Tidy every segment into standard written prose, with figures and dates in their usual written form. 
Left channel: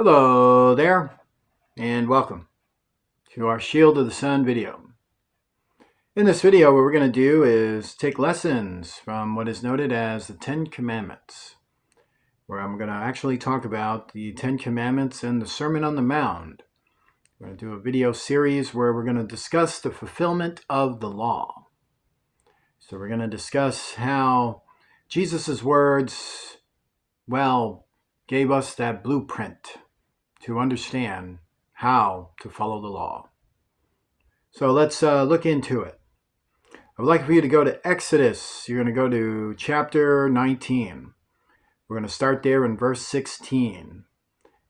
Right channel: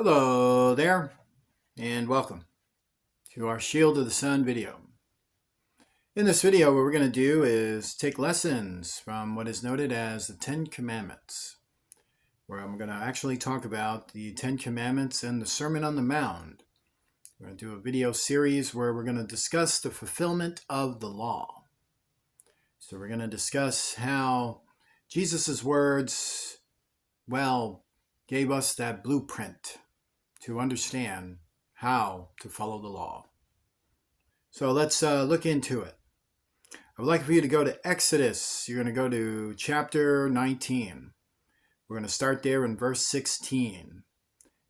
Hello there, and welcome to our Shield of the Sun video. In this video, what we're going to do is take lessons from what is noted as the Ten Commandments, where I'm going to actually talk about the Ten Commandments and the Sermon on the Mount. We're going to do a video series where we're going to discuss the fulfillment of the law. So we're going to discuss how Jesus' words, gave us that blueprint to understand how to follow the law. So let's look into it. I would like for you to go to Exodus. You're going to go to chapter 19. We're going to start there in verse 16.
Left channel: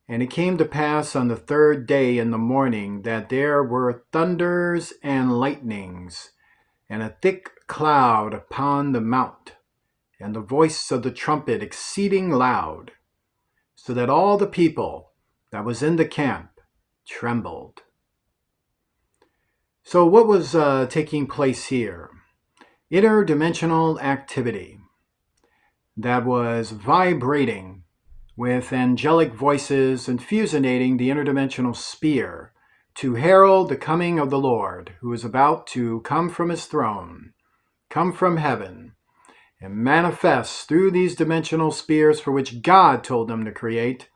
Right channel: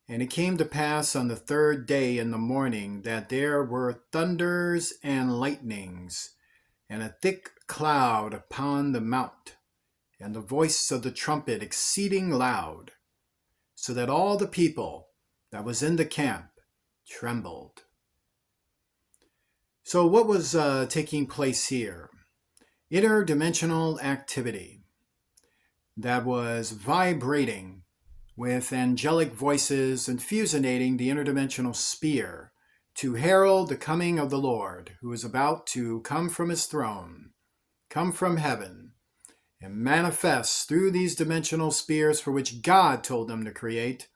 And it came to pass on the third day in the morning that there were thunders and lightnings, and a thick cloud upon the mount, and the voice of the trumpet exceeding loud, so that all the people that was in the camp trembled. So what was taking place here? Interdimensional activity that was vibrating with angelic voices and fusionating the interdimensional sphere to herald the coming of the Lord, who is about to come from his throne, come from heaven, and manifest through these dimensional spheres for which God told them to create.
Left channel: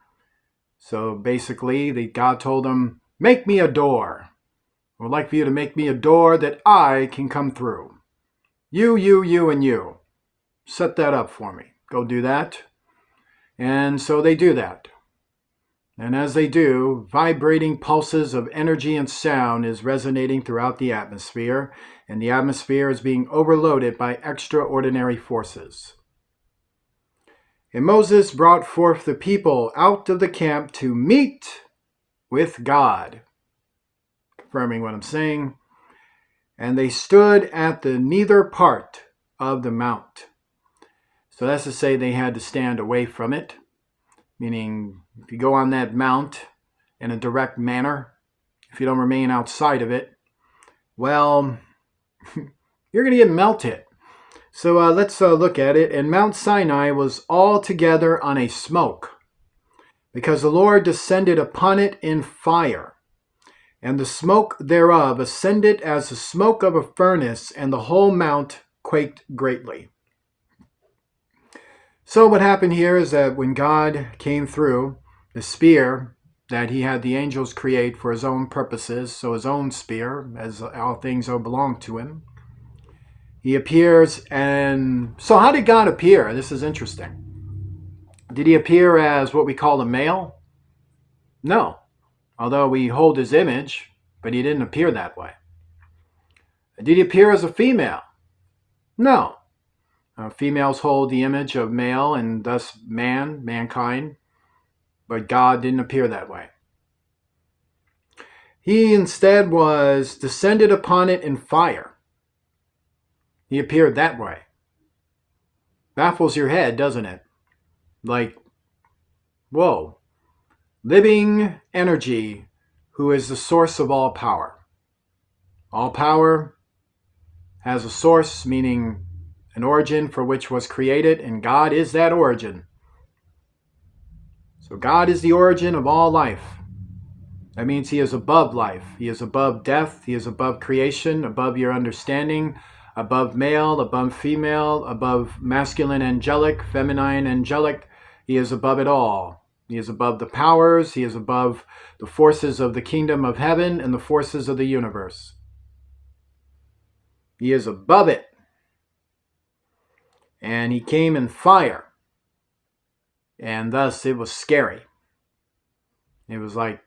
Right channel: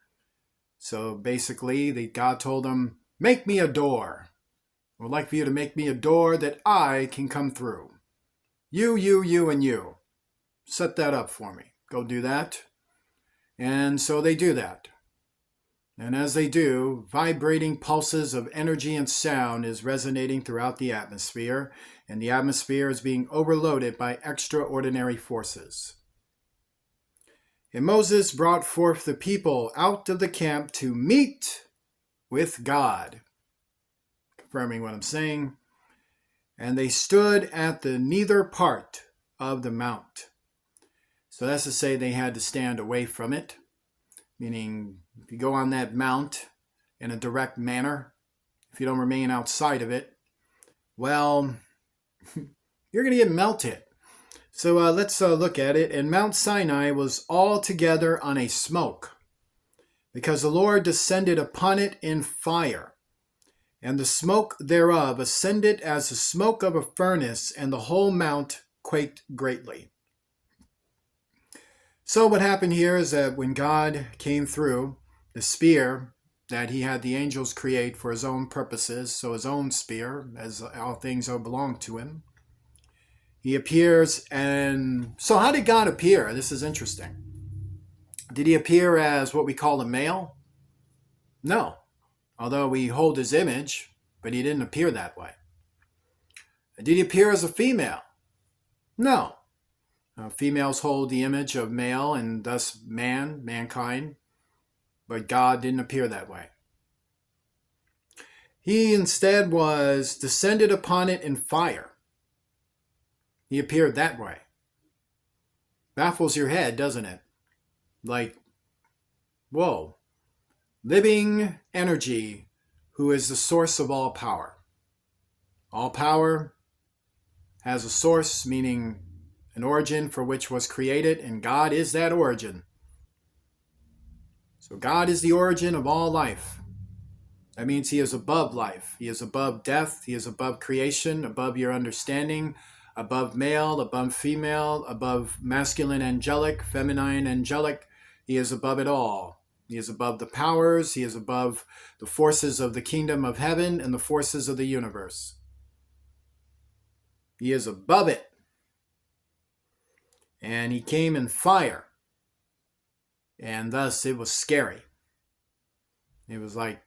So basically, God told them, make me a door. I would like for you to make me a door that I can come through. You, and you. Set that up for me. Go do that. And so they do that. And as they do, vibrating pulses of energy and sound is resonating throughout the atmosphere, and the atmosphere is being overloaded by extraordinary forces. And Moses brought forth the people out of the camp to meet with God. Confirming what I'm saying. And they stood at the neither part of the mount. So that's to say they had to stand away from it. Meaning, if you go on that mount in a direct manner, if you don't remain outside of it, you're going to get melted. So let's look at it. And Mount Sinai was altogether on a smoke, because the Lord descended upon it in fire, and the smoke thereof ascended as the smoke of a furnace, and the whole mount quaked greatly. So what happened here is that when God came through the sphere that he had the angels create for his own purposes, so his own sphere, as all things belong to him, he appears. And so how did God appear? This is interesting. Did he appear as what we call a male? No. Although we hold his image, but he didn't appear that way. Did he appear as a female? No. Females hold the image of male and thus mankind, but God didn't appear that way. He instead was descended upon it in fire. He appeared that way. Baffles your head, doesn't it? Like, whoa. Living energy, who is the source of all power. All power has a source, meaning an origin for which was created, and God is that origin. So God is the origin of all life. That means he is above life. He is above death. He is above creation, above your understanding, above male, above female, above masculine angelic, feminine angelic. He is above it all. He is above the powers. He is above the forces of the kingdom of heaven and the forces of the universe. He is above it. And he came in fire. And thus it was scary. It was like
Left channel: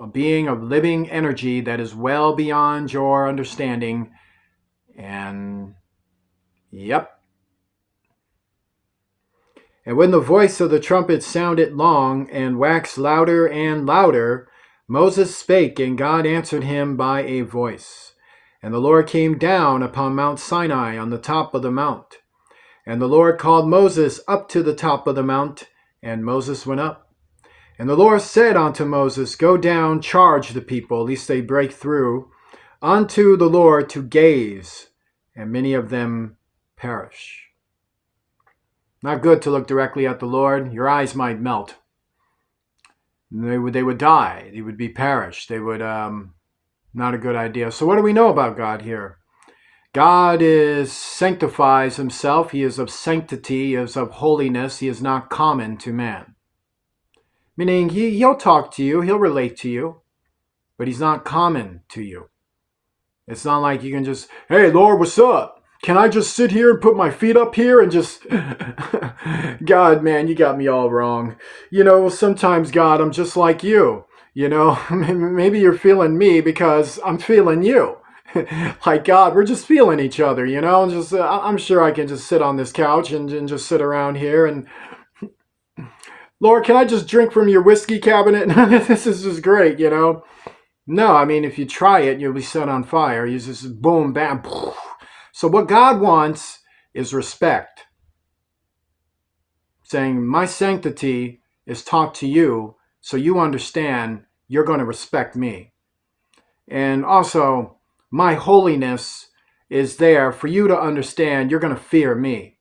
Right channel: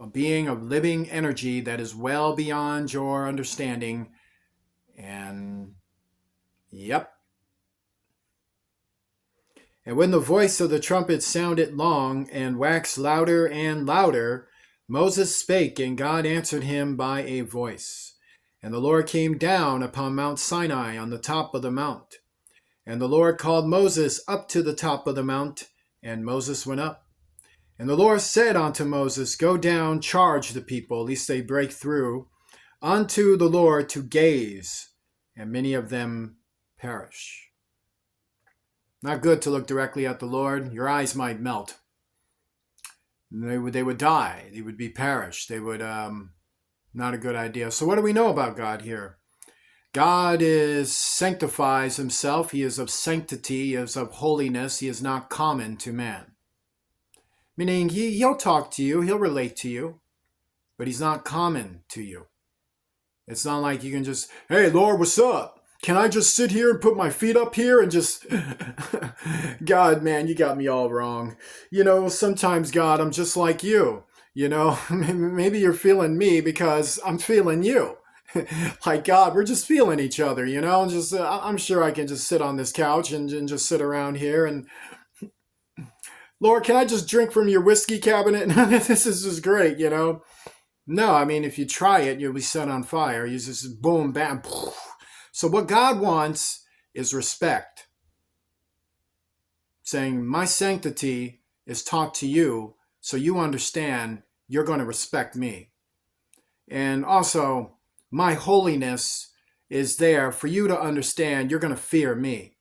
a being of living energy that is well beyond your understanding. And yep. And when the voice of the trumpet sounded long and waxed louder and louder, Moses spake, and God answered him by a voice. And the Lord came down upon Mount Sinai on the top of the mount. And the Lord called Moses up to the top of the mount, and Moses went up. And the Lord said unto Moses, go down, charge the people, lest they break through, unto the Lord to gaze, and many of them perish. Not good to look directly at the Lord. Your eyes might melt. They would die. They would be perished. They would, not a good idea. So what do we know about God here? God sanctifies himself. He is of sanctity. He is of holiness. He is not common to man. Meaning he'll talk to you. He'll relate to you. But he's not common to you. It's not like you can just, hey, Lord, what's up? Can I just sit here and put my feet up here and just, God, man, you got me all wrong. Sometimes, God, I'm just like you. Maybe you're feeling me because I'm feeling you. Like, God, we're just feeling each other, just I'm sure I can just sit on this couch and just sit around here and, Lord, can I just drink from your whiskey cabinet? This is just great, No, I mean, if you try it, you'll be set on fire. You just boom, bam. So what God wants is respect. Saying, my sanctity is taught to you so you understand you're going to respect me. And also, my holiness is there for you to understand you're going to fear me.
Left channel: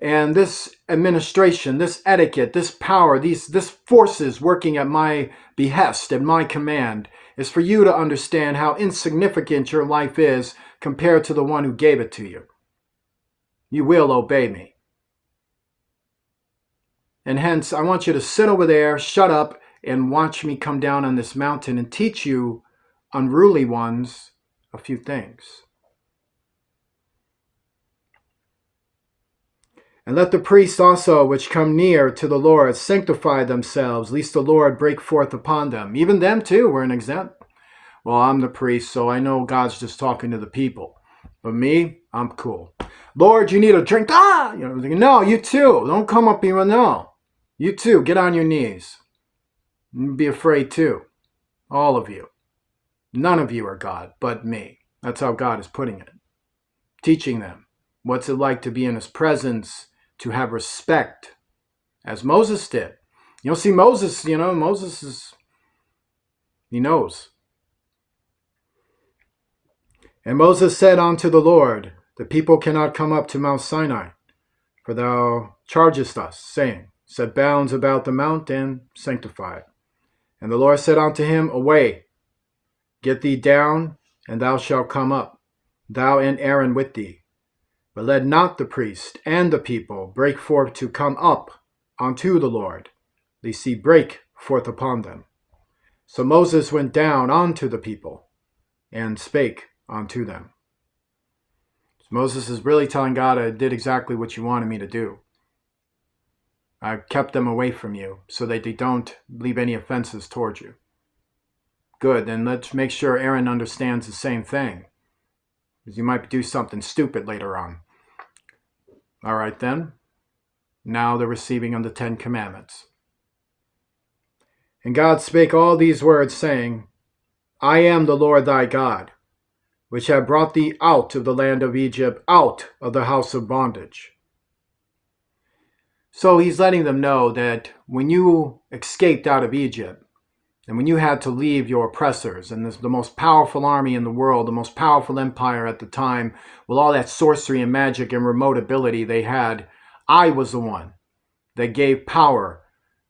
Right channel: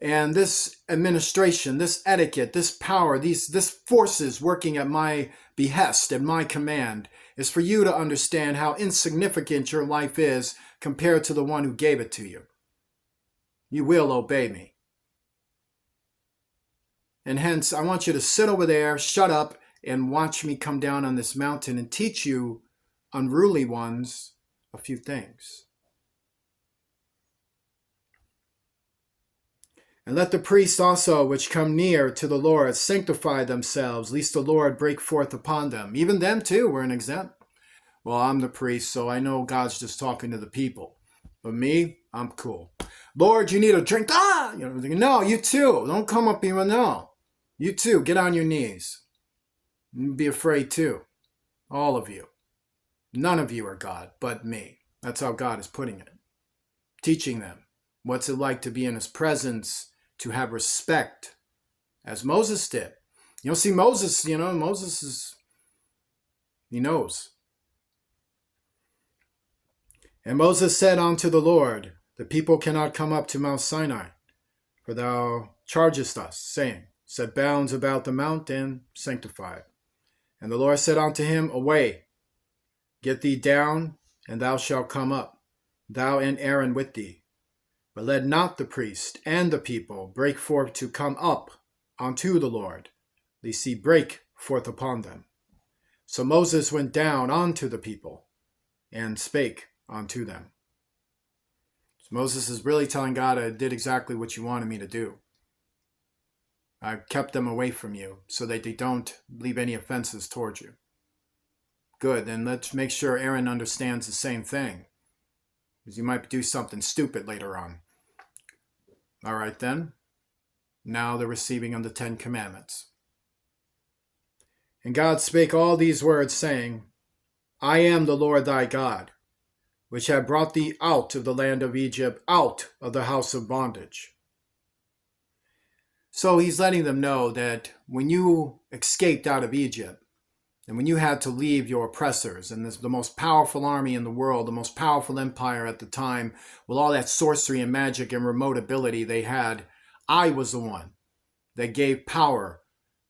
And this administration, this etiquette, this power, this forces working at my behest and my command is for you to understand how insignificant your life is compared to the one who gave it to you. You will obey me. And hence, I want you to sit over there, shut up, and watch me come down on this mountain and teach you, unruly ones, a few things. And let the priests also, which come near to the Lord, sanctify themselves, lest the Lord break forth upon them. Even them too were an exempt. Well, I'm the priest, so I know God's just talking to the people. But me, I'm cool. Lord, you need a drink. No, you too. Don't come up here. No. You too. Get on your knees. Be afraid too. All of you. None of you are God but me. That's how God is putting it. Teaching them. What's it like to be in his presence, to have respect, as Moses did. See, Moses, he knows. And Moses said unto the Lord, the people cannot come up to Mount Sinai, for thou chargest us, saying, set bounds about the mount and sanctify it. And the Lord said unto him, away, get thee down, and thou shalt come up, thou and Aaron with thee. But let not the priest and the people break forth to come up unto the Lord, lest he break forth upon them. So Moses went down unto the people, and spake unto them. So Moses is really telling God, I did exactly what you wanted me to do. I kept them away from you so that they don't leave any offenses towards you. Good, then let's make sure Aaron understands the same thing, because you might do something stupid later on. All right then, now they're receiving of the 10 Commandments. And God spake all these words, saying, I am the Lord thy God, which have brought thee out of the land of Egypt, out of the house of bondage. So he's letting them know that when you escaped out of Egypt, and when you had to leave your oppressors, and the most powerful army in the world, the most powerful empire at the time, with all that sorcery and magic and remote ability they had, I was the one that gave power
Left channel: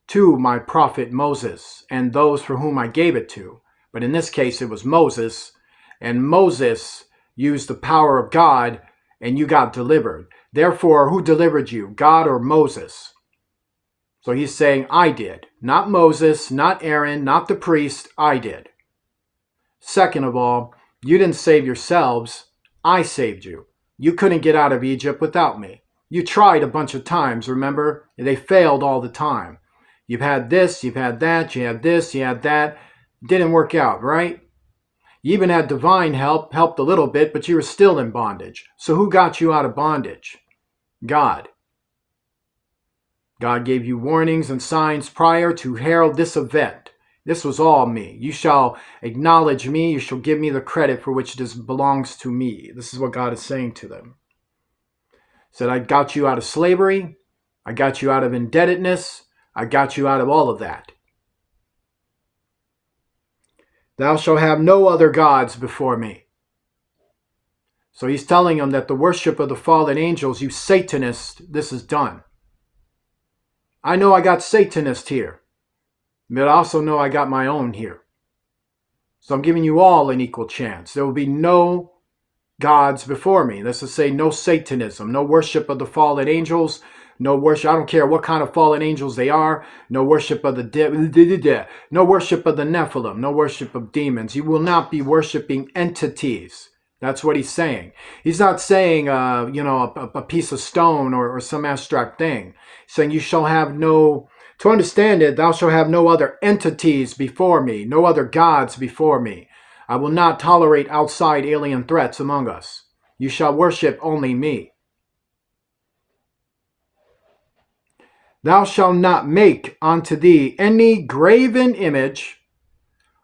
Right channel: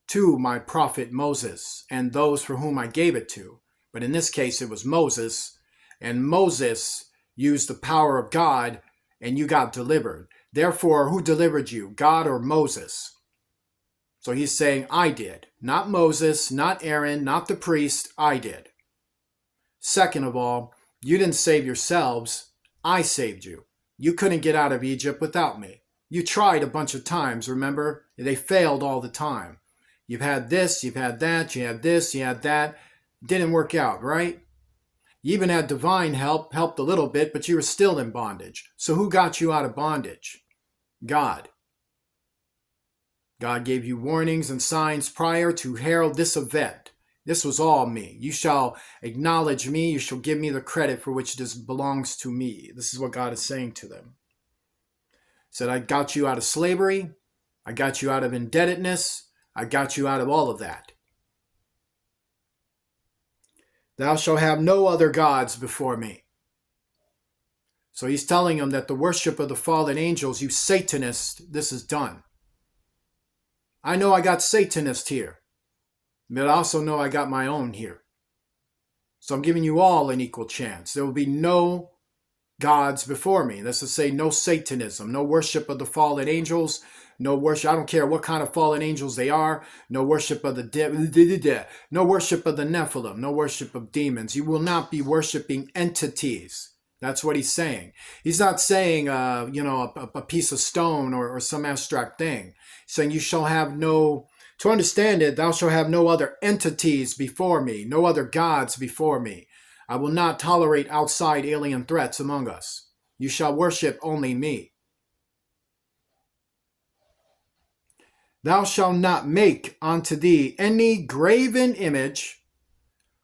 to my prophet Moses and those for whom I gave it to. But in this case, it was Moses, and Moses used the power of God, and you got delivered. Therefore, who delivered you, God or Moses? So he's saying, I did. Not Moses, not Aaron, not the priest, I did. Second of all, you didn't save yourselves, I saved you. You couldn't get out of Egypt without me. You tried a bunch of times, remember? They failed all the time. You've had this, you've had that, you had this, you had that. Didn't work out, right? You even had divine help, helped a little bit, but you were still in bondage. So who got you out of bondage? God. God gave you warnings and signs prior to herald this event. This was all me. You shall acknowledge me. You shall give me the credit for which this belongs to me. This is what God is saying to them. He said, I got you out of slavery. I got you out of indebtedness. I got you out of all of that. Thou shalt have no other gods before me. So he's telling them that the worship of the fallen angels, you Satanists, this is done. I know I got Satanists here. But I also know I got my own here. So I'm giving you all an equal chance. There will be no gods before me. That's to say, no Satanism, no worship of the fallen angels, no worship. I don't care what kind of fallen angels they are. No worship of no worship of the Nephilim, no worship of demons. You will not be worshiping entities. That's what he's saying. He's not saying, a piece of stone or some abstract thing. He's saying you shall have no. To understand it, thou shalt have no other entities before me, no other gods before me. I will not tolerate outside alien threats among us. You shall worship only me. Thou shalt not make unto thee any graven image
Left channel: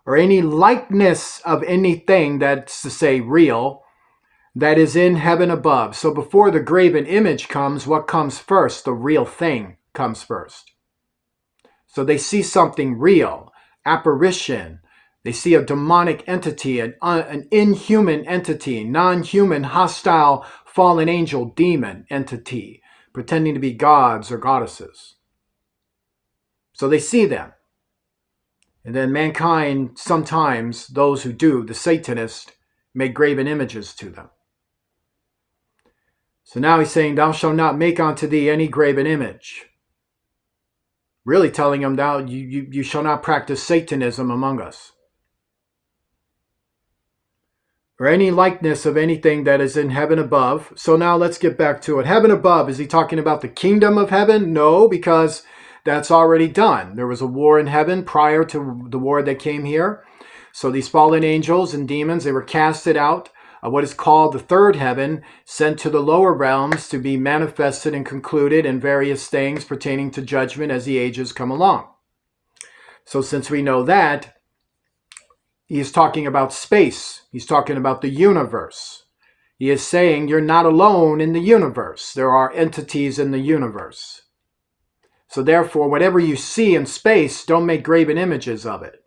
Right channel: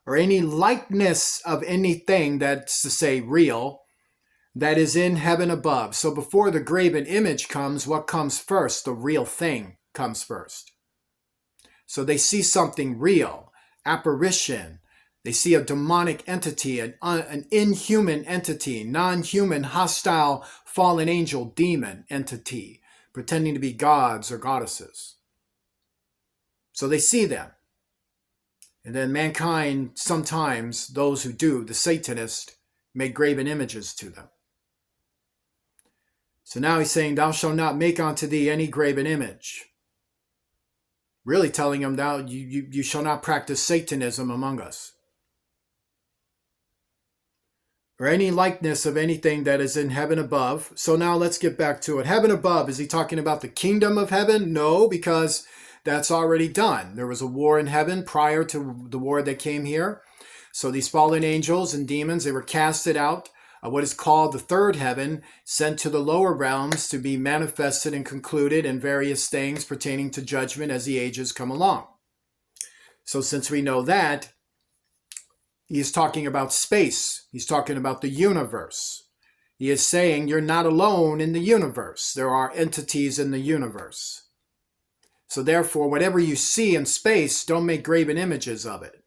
or any likeness of anything, that's to say real, that is in heaven above. So before the graven image comes, what comes first? The real thing comes first. So they see something real, apparition. They see a demonic entity, an inhuman entity, non-human, hostile, fallen angel, demon entity, pretending to be gods or goddesses. So they see them. And then mankind, sometimes, those who do, the Satanists, make graven images to them. So now he's saying, thou shalt not make unto thee any graven image. Really telling them, thou you shall not practice Satanism among us. Or any likeness of anything that is in heaven above. So now let's get back to it. Heaven above, is he talking about the kingdom of heaven? No, because that's already done. There was a war in heaven prior to the war that came here. So these fallen angels and demons, they were casted out of what is called the third heaven, sent to the lower realms to be manifested and concluded in various things pertaining to judgment as the ages come along. So since we know that, he's talking about space. He's talking about the universe. He is saying you're not alone in the universe. There are entities in the universe. So therefore, whatever you see in space, don't make graven images of it.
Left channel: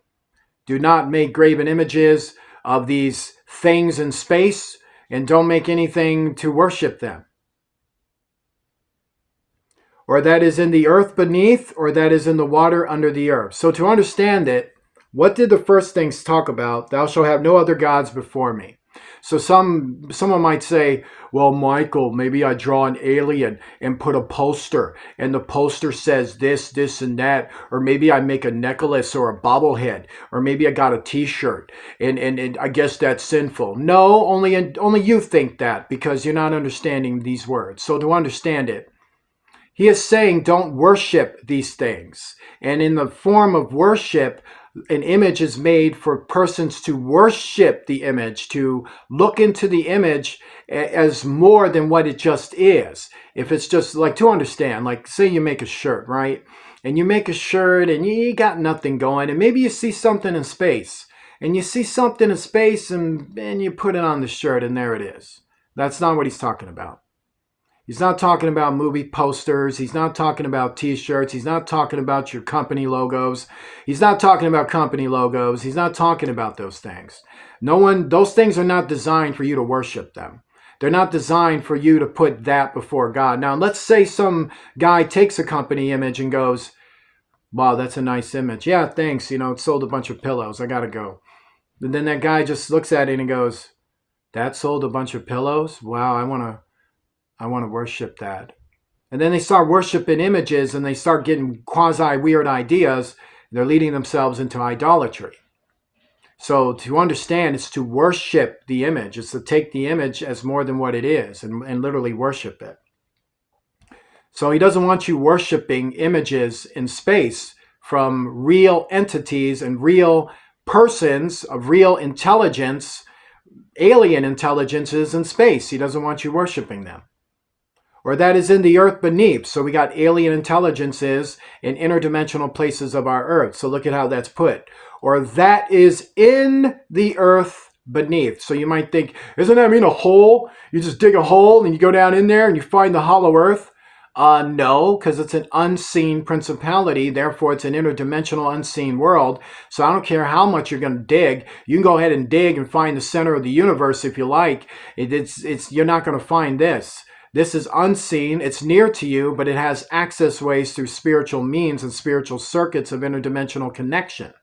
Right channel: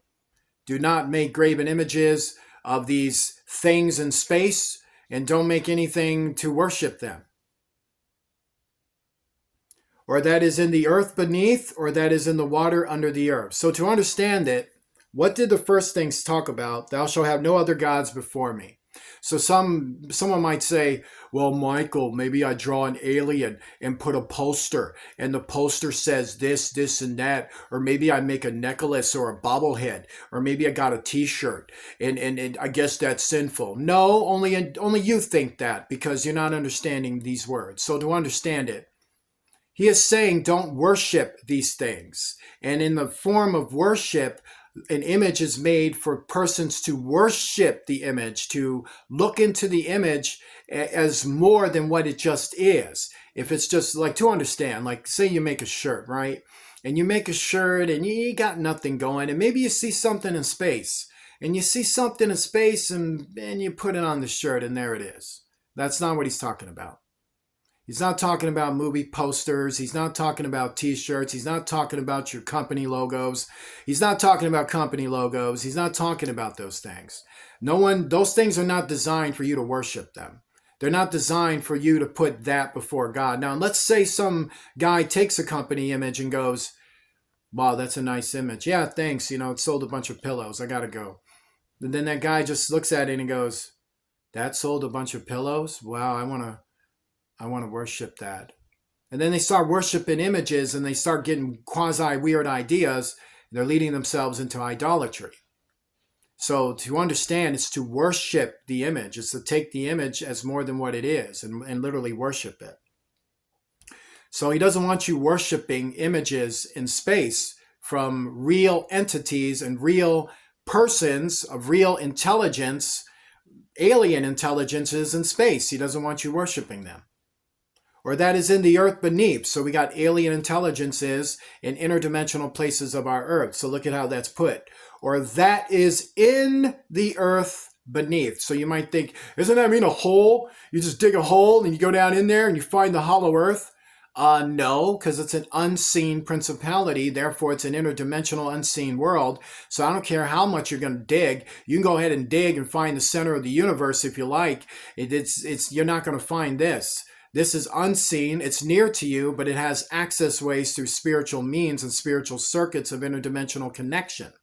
Do not make graven images of these things in space, and don't make anything to worship them. Or that is in the earth beneath, or that is in the water under the earth. So to understand it, what did the first things talk about? Thou shalt have no other gods before me. So someone might say, well, Michael, maybe I draw an alien and put a poster, and the poster says this, this, and that. Or maybe I make a necklace or a bobblehead, or maybe I got a t-shirt, and I guess that's sinful. No, only you think that, because you're not understanding these words. So to understand it, he is saying don't worship these things. And in the form of worship, an image is made for persons to worship the image, to look into the image as more than what it just is. If it's just like, to understand, like say you make a shirt, right? And you make a shirt and you got nothing going, and maybe you see something in space, and you see something in space and you put it on the shirt and there it is. That's not what he's talking about. He's not talking about movie posters. He's not talking about t-shirts. He's not talking about your company logos. He's not talking about company logos. He's not talking about those things. Those things are not designed for you to worship them. They're not designed for you to put that before God. Now, let's say some guy takes a company image and goes, wow, that's a nice image. Yeah, thanks. It sold a bunch of pillows. I got to go. And then that guy just looks at it and goes, that sold a bunch of pillows? Wow, I want to worship that. And then they start worshiping images and they start getting quasi-weird ideas. And they're leading themselves into idolatry. So to understand, it's to worship the image. It's to take the image as more than what it is and literally worship it. So he doesn't want you worshiping images in space from real entities and real persons of real intelligence, alien intelligences in space. He doesn't want you worshiping them. Or that is in the earth beneath. So we got alien intelligences in interdimensional places of our earth. So look at how that's put. Or that is in the earth beneath. So you might think, isn't that mean a hole? You just dig a hole and you go down in there and you find the hollow earth? No, because it's an unseen principality. Therefore, it's an interdimensional unseen world. So I don't care how much you're going to dig. You can go ahead and dig and find the center of the universe if you like. You're not going to find this. This is unseen. It's near to you, but it has access ways through spiritual means and spiritual circuits of interdimensional connection.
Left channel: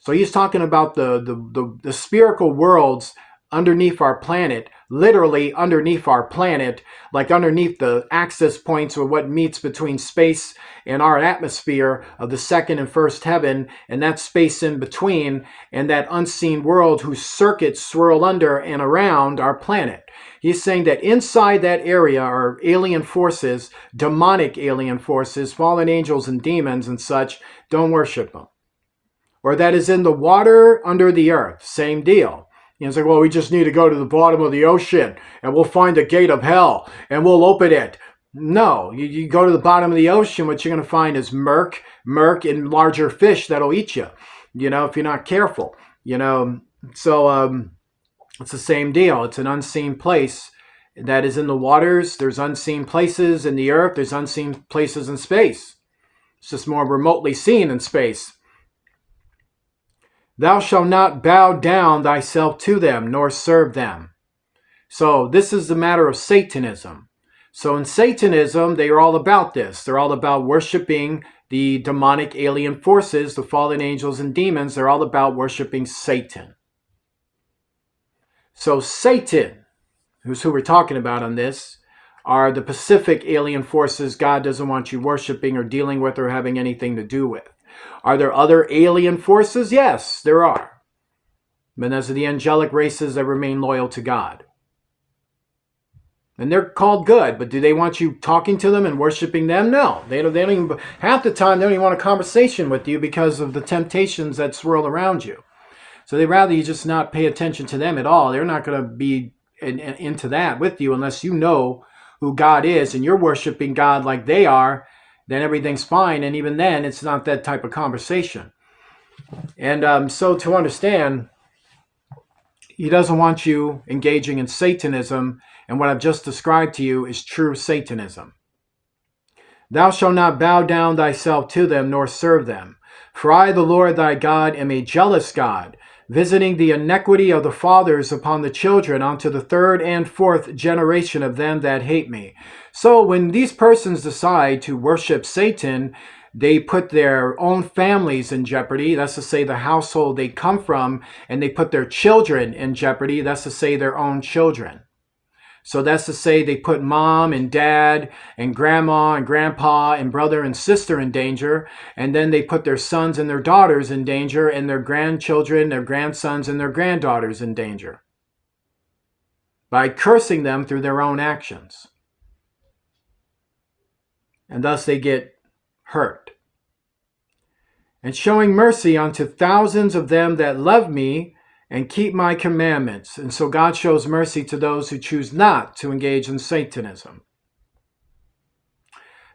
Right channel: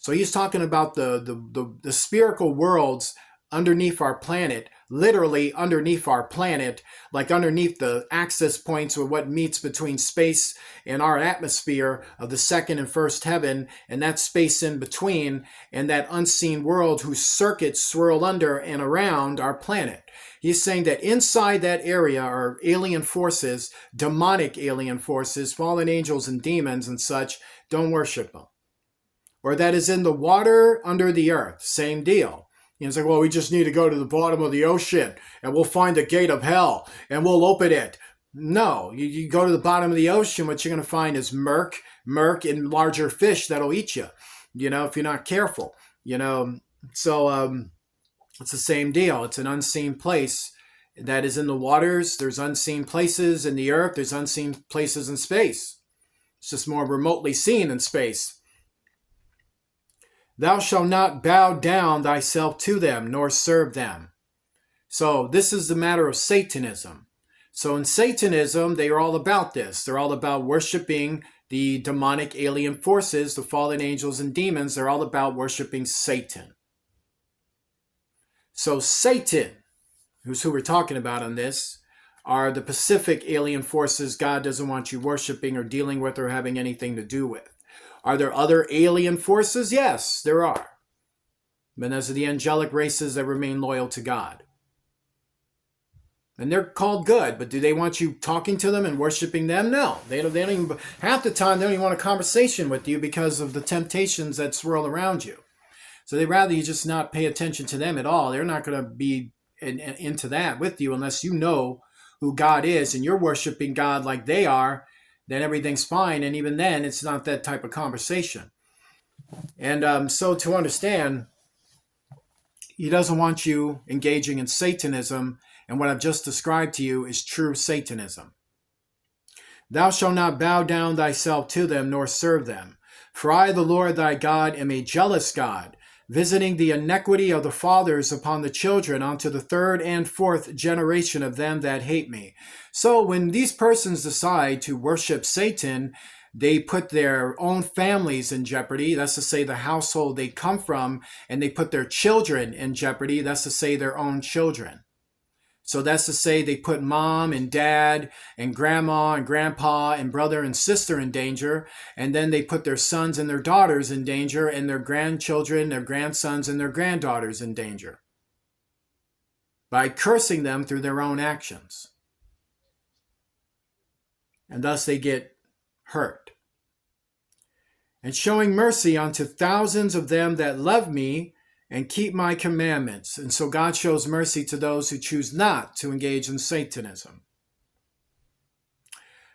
So he's talking about the spherical worlds underneath our planet, literally underneath our planet, like underneath the access points or what meets between space and our atmosphere of the second and first heaven, and that space in between, and that unseen world whose circuits swirl under and around our planet. He's saying that inside that area are alien forces, demonic alien forces, fallen angels and demons and such. Don't worship them. Or that is in the water under the earth. Same deal. It's like, well, we just need to go to the bottom of the ocean and we'll find the gate of hell and we'll open it. No, you go to the bottom of the ocean, what you're going to find is murk, and larger fish that'll eat you, if you're not careful, So it's the same deal. It's an unseen place that is in the waters. There's unseen places in the earth. There's unseen places in space. It's just more remotely seen in space. Thou shalt not bow down thyself to them, nor serve them. So this is the matter of Satanism. So in Satanism, they are all about this. They're all about worshiping the demonic alien forces, the fallen angels and demons. They're all about worshiping Satan. So Satan, who's who we're talking about on this, are the Pacific alien forces God doesn't want you worshiping or dealing with or having anything to do with. Are there other alien forces? Yes, there are. But those are the angelic races that remain loyal to God. And they're called good, but do they want you talking to them and worshiping them? No. They don't even, half the time, they don't even want a conversation with you because of the temptations that swirl around you. So they'd rather you just not pay attention to them at all. They're not going to be into that with you unless you know who God is and you're worshiping God like they are. Then everything's fine. And even then, it's not that type of conversation. And so to understand, he doesn't want you engaging in Satanism. And what I've just described to you is true Satanism. Thou shalt not bow down thyself to them, nor serve them. For I, the Lord thy God, am a jealous God, visiting the iniquity of the fathers upon the children unto the third and fourth generation of them that hate me. So when these persons decide to worship Satan, they put their own families in jeopardy. That's to say the household they come from, and they put their children in jeopardy. That's to say their own children. So that's to say they put mom and dad and grandma and grandpa and brother and sister in danger. And then they put their sons and their daughters in danger, and their grandchildren, their grandsons and their granddaughters in danger by cursing them through their own actions. And thus they get hurt. And showing mercy unto thousands of them that love me and keep my commandments. And so God shows mercy to those who choose not to engage in Satanism.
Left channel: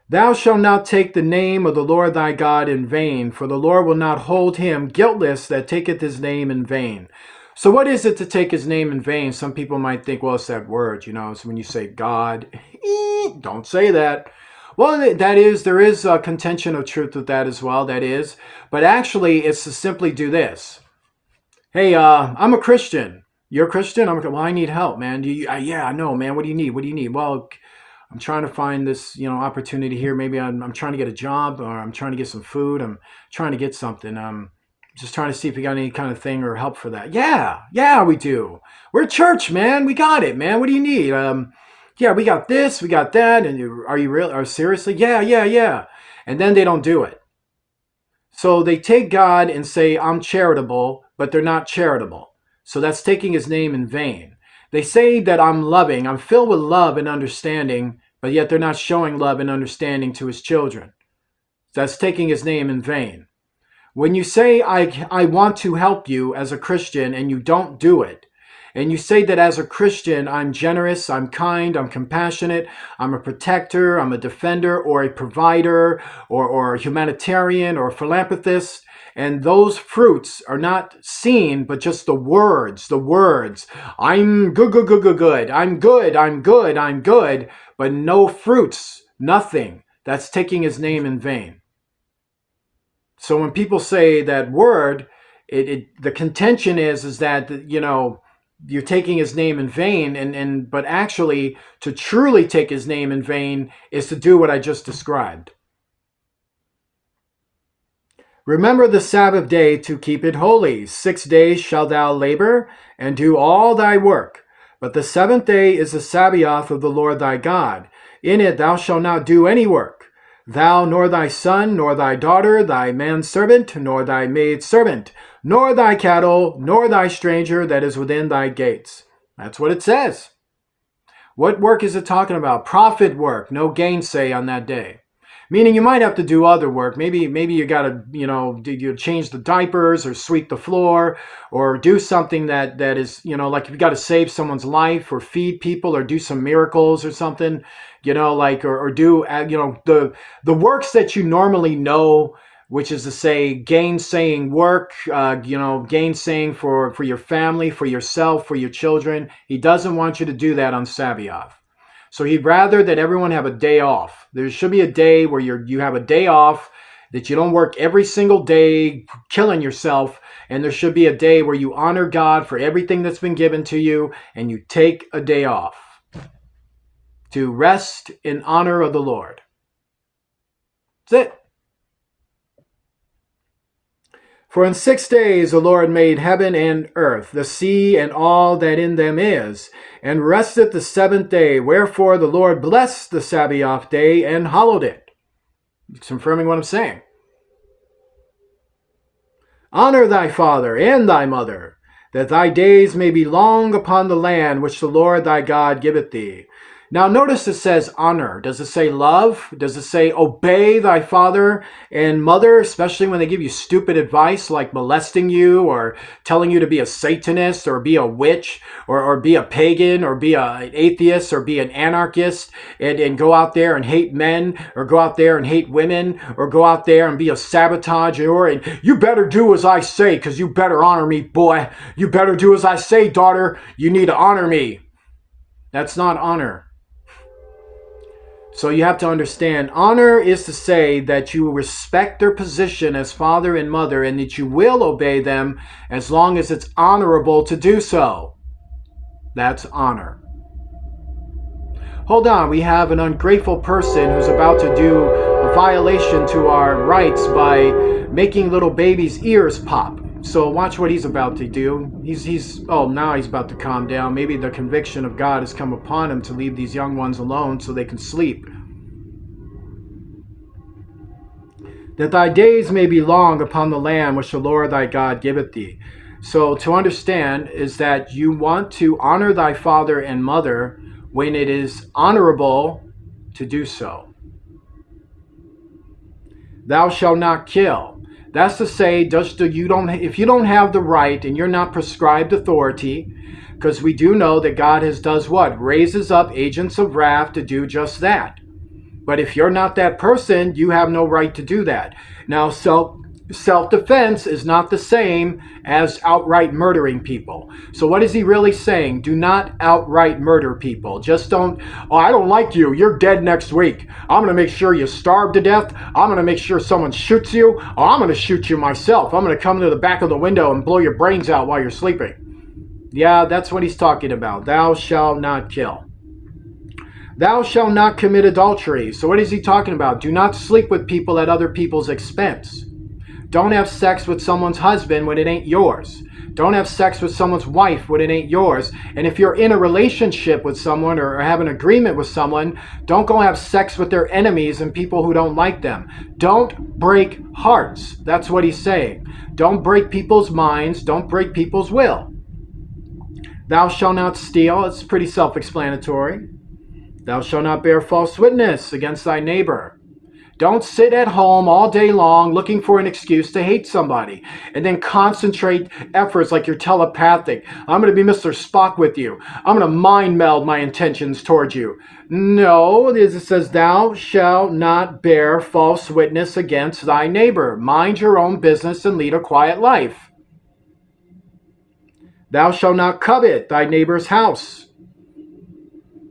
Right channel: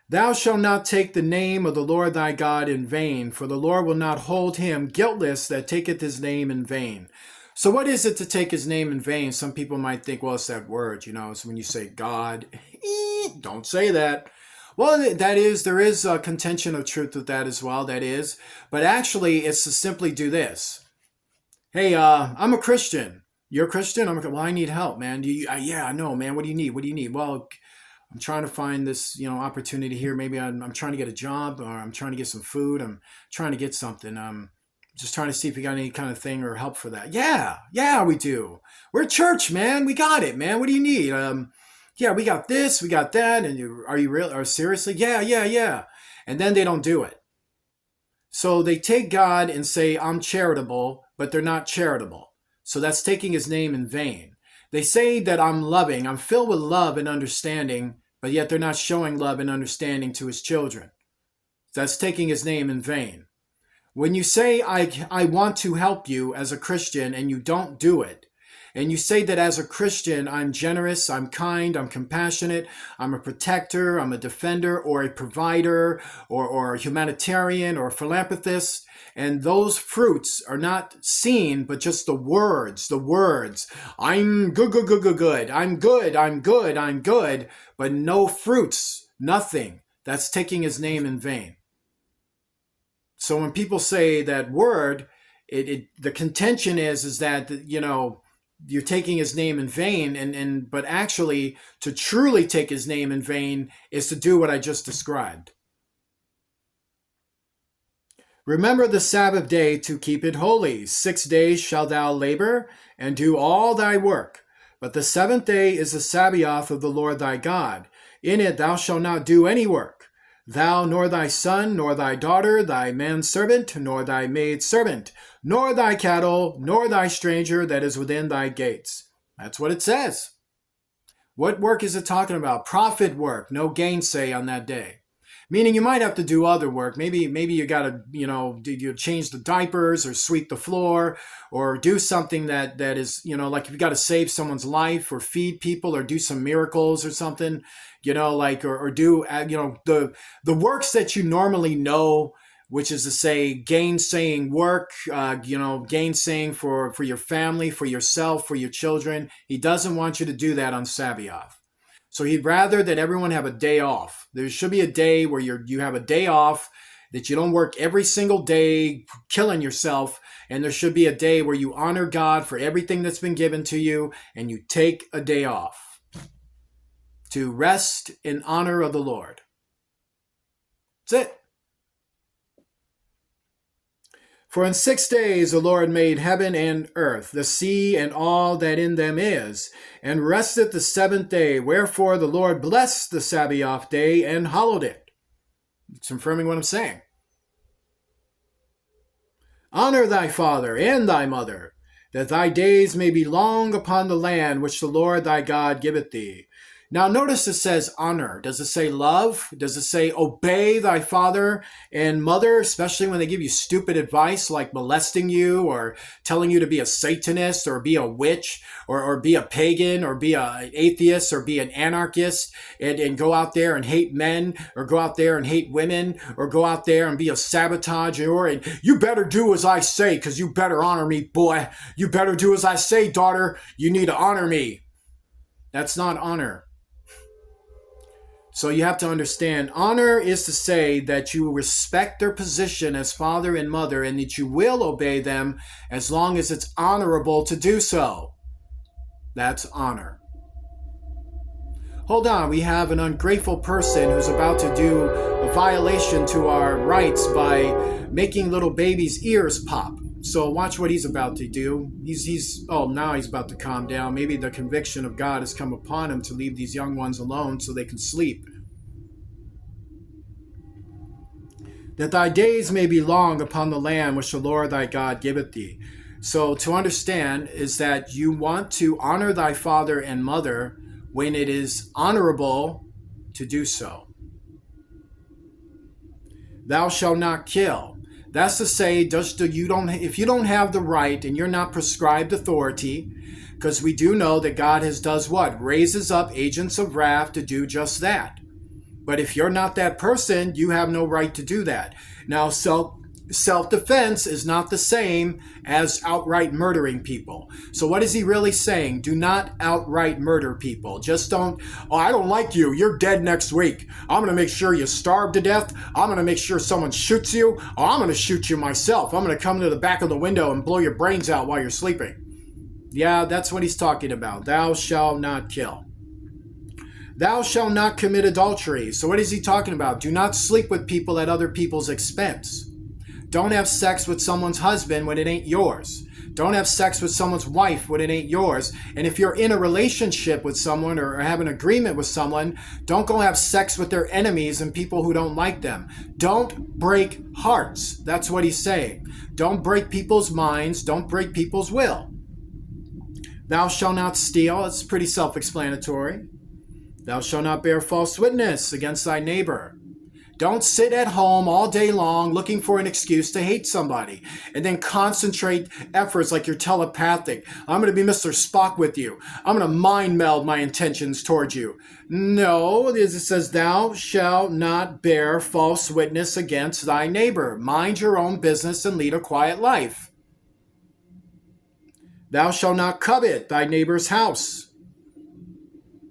Thou shalt not take the name of the Lord thy God in vain, for the Lord will not hold him guiltless that taketh his name in vain. So what is it to take his name in vain? Some people might think, well, it's that word, it's when you say God. Don't say that. Well, there is a contention of truth with that as well, that is. But actually, it's to simply do this. Hey, I'm a Christian. You're a Christian? Well, I need help, man. Yeah, I know, man. What do you need? What do you need? Well, I'm trying to find this, opportunity here. Maybe I'm trying to get a job, or I'm trying to get some food. I'm trying to get something. Just trying to see if you got any kind of thing or help for that. Yeah, we do. We're a church, man. We got it, man. What do you need? Yeah, we got this, we got that. And are you real? Or seriously? Yeah. And then they don't do it. So they take God and say, I'm charitable, but they're not charitable. So that's taking his name in vain. They say that I'm loving, I'm filled with love and understanding, but yet they're not showing love and understanding to his children. That's taking his name in vain. When you say, I want to help you as a Christian, and you don't do it, and you say that as a Christian, I'm generous, I'm kind, I'm compassionate, I'm a protector, I'm a defender, or a provider, or a humanitarian, or a philanthropist, and those fruits are not seen, but just the words. I'm good, I'm good, but no fruits, nothing. That's taking his name in vain. So when people say that word, the contention is that, you're taking his name in vain, but actually to truly take his name in vain is to do what I just described. Remember the Sabbath day to keep it holy. 6 days shalt thou labor and do all thy work. But the seventh day is the Sabbath of the Lord thy God. In it thou shalt not do any work, thou, nor thy son, nor thy daughter, thy manservant, nor thy maidservant, nor thy cattle, nor thy stranger that is within thy gates. That's what it says. What work is it talking about? Profit work, no gainsay on that day. Meaning you might have to do other work. Maybe you got to, you change the diapers or sweep the floor or do something that is, like if you got to save someone's life or feed people or do some miracles or something, or do, the works that you normally know, which is to say gainsaying work, gainsaying for your family, for yourself, for your children. He doesn't want you to do that on Sabbath. So he'd rather that everyone have a day off. There should be a day where you have a day off, that you don't work every single day killing yourself. And there should be a day where you honor God for everything that's been given to you and you take a day off to rest in honor of the Lord. That's it. For in 6 days the Lord made heaven and earth, the sea and all that in them is, and rested the seventh day. Wherefore the Lord blessed the Sabbath day and hallowed it. It's confirming what I'm saying. Honor thy father and thy mother, that thy days may be long upon the land which the Lord thy God giveth thee. Now notice it says honor. Does it say love? Does it say obey thy father and mother, especially when they give you stupid advice like molesting you or telling you to be a Satanist or be a witch or be a pagan or be an atheist or be an anarchist and go out there and hate men or go out there and hate women or go out there and be a sabotager and you better do as I say because you better honor me, boy. You better do as I say, daughter. You need to honor me. That's not honor. So you have to understand, honor is to say that you respect their position as father and mother and that you will obey them as long as it's honorable to do so. That's honor. Hold on, we have an ungrateful person who's about to do a violation to our rights by making little babies' ears pop. So watch what he's about to do. Now he's about to calm down. Maybe the conviction of God has come upon him to leave these young ones alone so they can sleep. That thy days may be long upon the land which the Lord thy God giveth thee. So to understand is that you want to honor thy father and mother when it is honorable to do so. Thou shalt not kill. That's to say, if you don't have the right and you're not prescribed authority, because we do know that God does what? Raises up agents of wrath to do just that. But if you're not that person, you have no right to do that. Now, self-defense is not the same as outright murdering people. So what is he really saying? Do not outright murder people. Just don't, I don't like you. You're dead next week. I'm going to make sure you starve to death. I'm going to make sure someone shoots you. I'm going to shoot you myself. I'm going to come to the back of the window and blow your brains out while you're sleeping. Yeah, that's what he's talking about. Thou shalt not kill. Thou shalt not commit adultery. So what is he talking about? Do not sleep with people at other people's expense. Don't have sex with someone's husband when it ain't yours. Don't have sex with someone's wife when it ain't yours. And if you're in a relationship with someone or have an agreement with someone, don't go have sex with their enemies and people who don't like them. Don't break hearts. That's what he's saying. Don't break people's minds. Don't break people's will. Thou shalt not steal. It's pretty self-explanatory. Thou shalt not bear false witness against thy neighbor. Don't sit at home all day long looking for an excuse to hate somebody and then concentrate efforts like you're telepathic. I'm going to be Mr. Spock with you. I'm going to mind meld my intentions towards you. No, it says, thou shalt not bear false witness against thy neighbor. Mind your own business and lead a quiet life. Thou shalt not covet thy neighbor's house.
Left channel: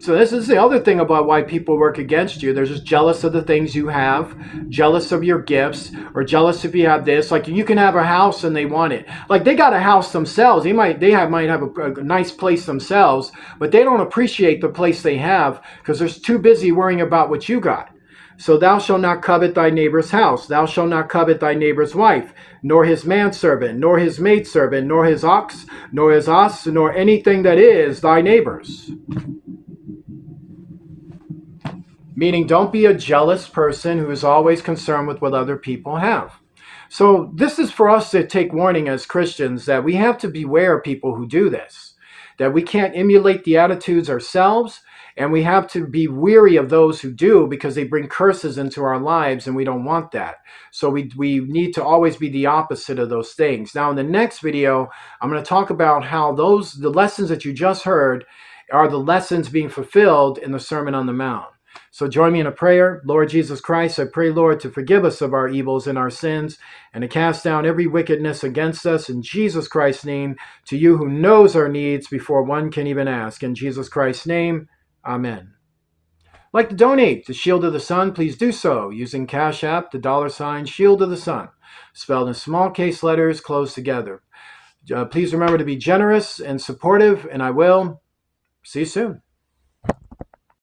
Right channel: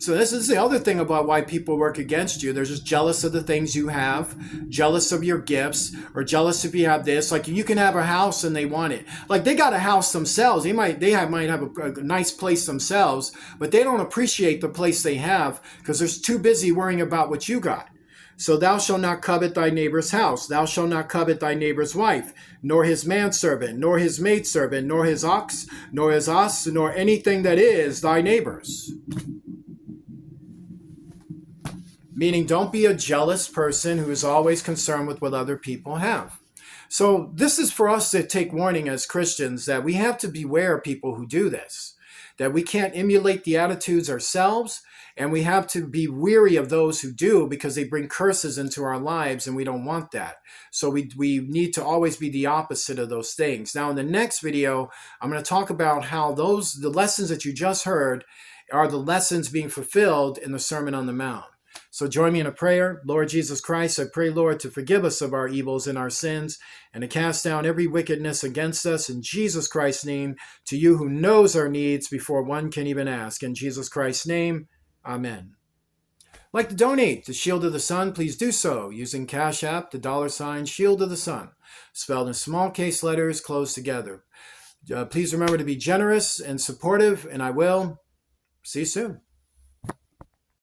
So this is the other thing about why people work against you. They're just jealous of the things you have, jealous of your gifts, or jealous if you have this. Like you can have a house and they want it. Like they got a house themselves. Might have a nice place themselves, but they don't appreciate the place they have because they're too busy worrying about what you got. So thou shalt not covet thy neighbor's house. Thou shalt not covet thy neighbor's wife, nor his manservant, nor his maidservant, nor his ox, nor his ass, nor anything that is thy neighbor's. Meaning, don't be a jealous person who is always concerned with what other people have. So this is for us to take warning as Christians that we have to beware of people who do this, that we can't emulate the attitudes ourselves, and we have to be weary of those who do because they bring curses into our lives, and we don't want that. So we need to always be the opposite of those things. Now, in the next video, I'm going to talk about how the lessons that you just heard are the lessons being fulfilled in the Sermon on the Mount. So join me in a prayer. Lord Jesus Christ, I pray, Lord, to forgive us of our evils and our sins and to cast down every wickedness against us in Jesus Christ's name, to you who knows our needs before one can even ask. In Jesus Christ's name, amen. Like to donate to Shield of the Sun, please do so using Cash App, the $ Shield of the Sun, spelled in small case letters closed together. Please remember to be generous and supportive, and I will see you soon.